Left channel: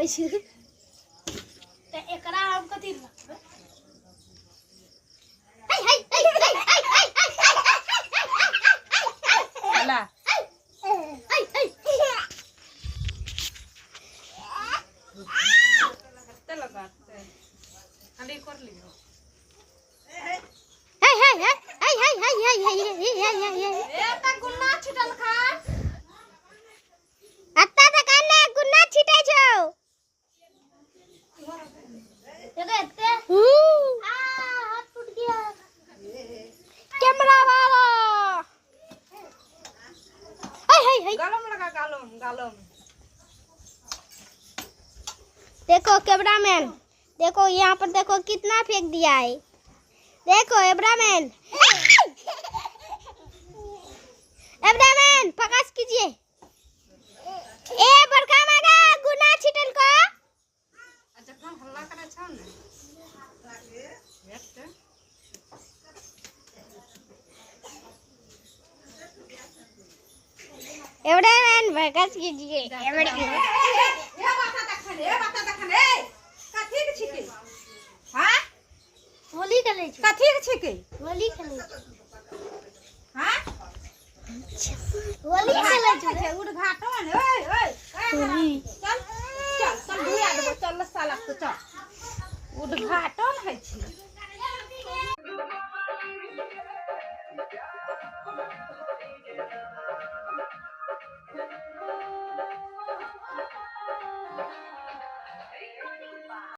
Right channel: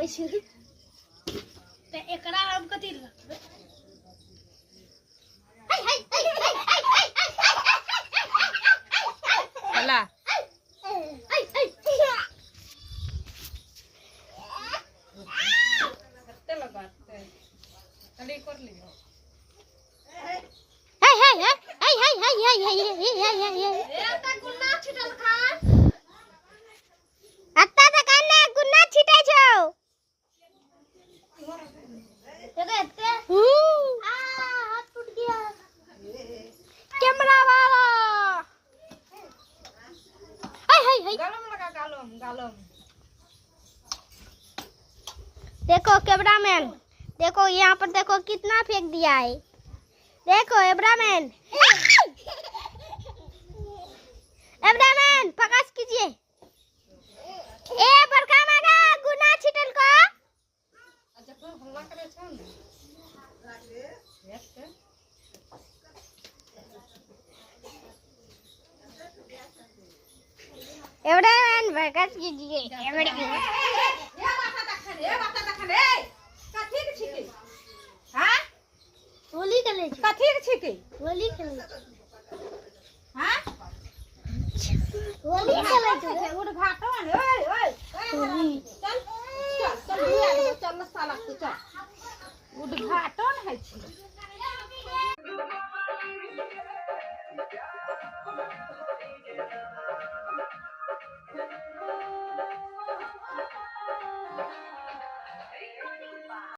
आवे छै त एकरा हम कथि रखबै हला हत्ते लगाते खाली कर लियो एता गुन्ना छिटल खा अत्ता त काने गुन्ना छिटे छौ देखते हाथ टूट गया कैमरा वाला हाय गलम लगा गालम देखो कैमरामैन देखो यहाँ पर देखो कितना फेंक दिया है देखो कैमरामैन प्रकाश कीजिए ए बड़का मागा गुना छिटल को जखन हल्ला करे छ ने एकटे कैमरामैन प्रकाश कीजिए कथी के छिके हां होली खेलै छै कथी के छिके होली खेलै छै हां होली खेलै छै उद्घाटन ओए चल चल चल चल साला चल उद्घाटन है छै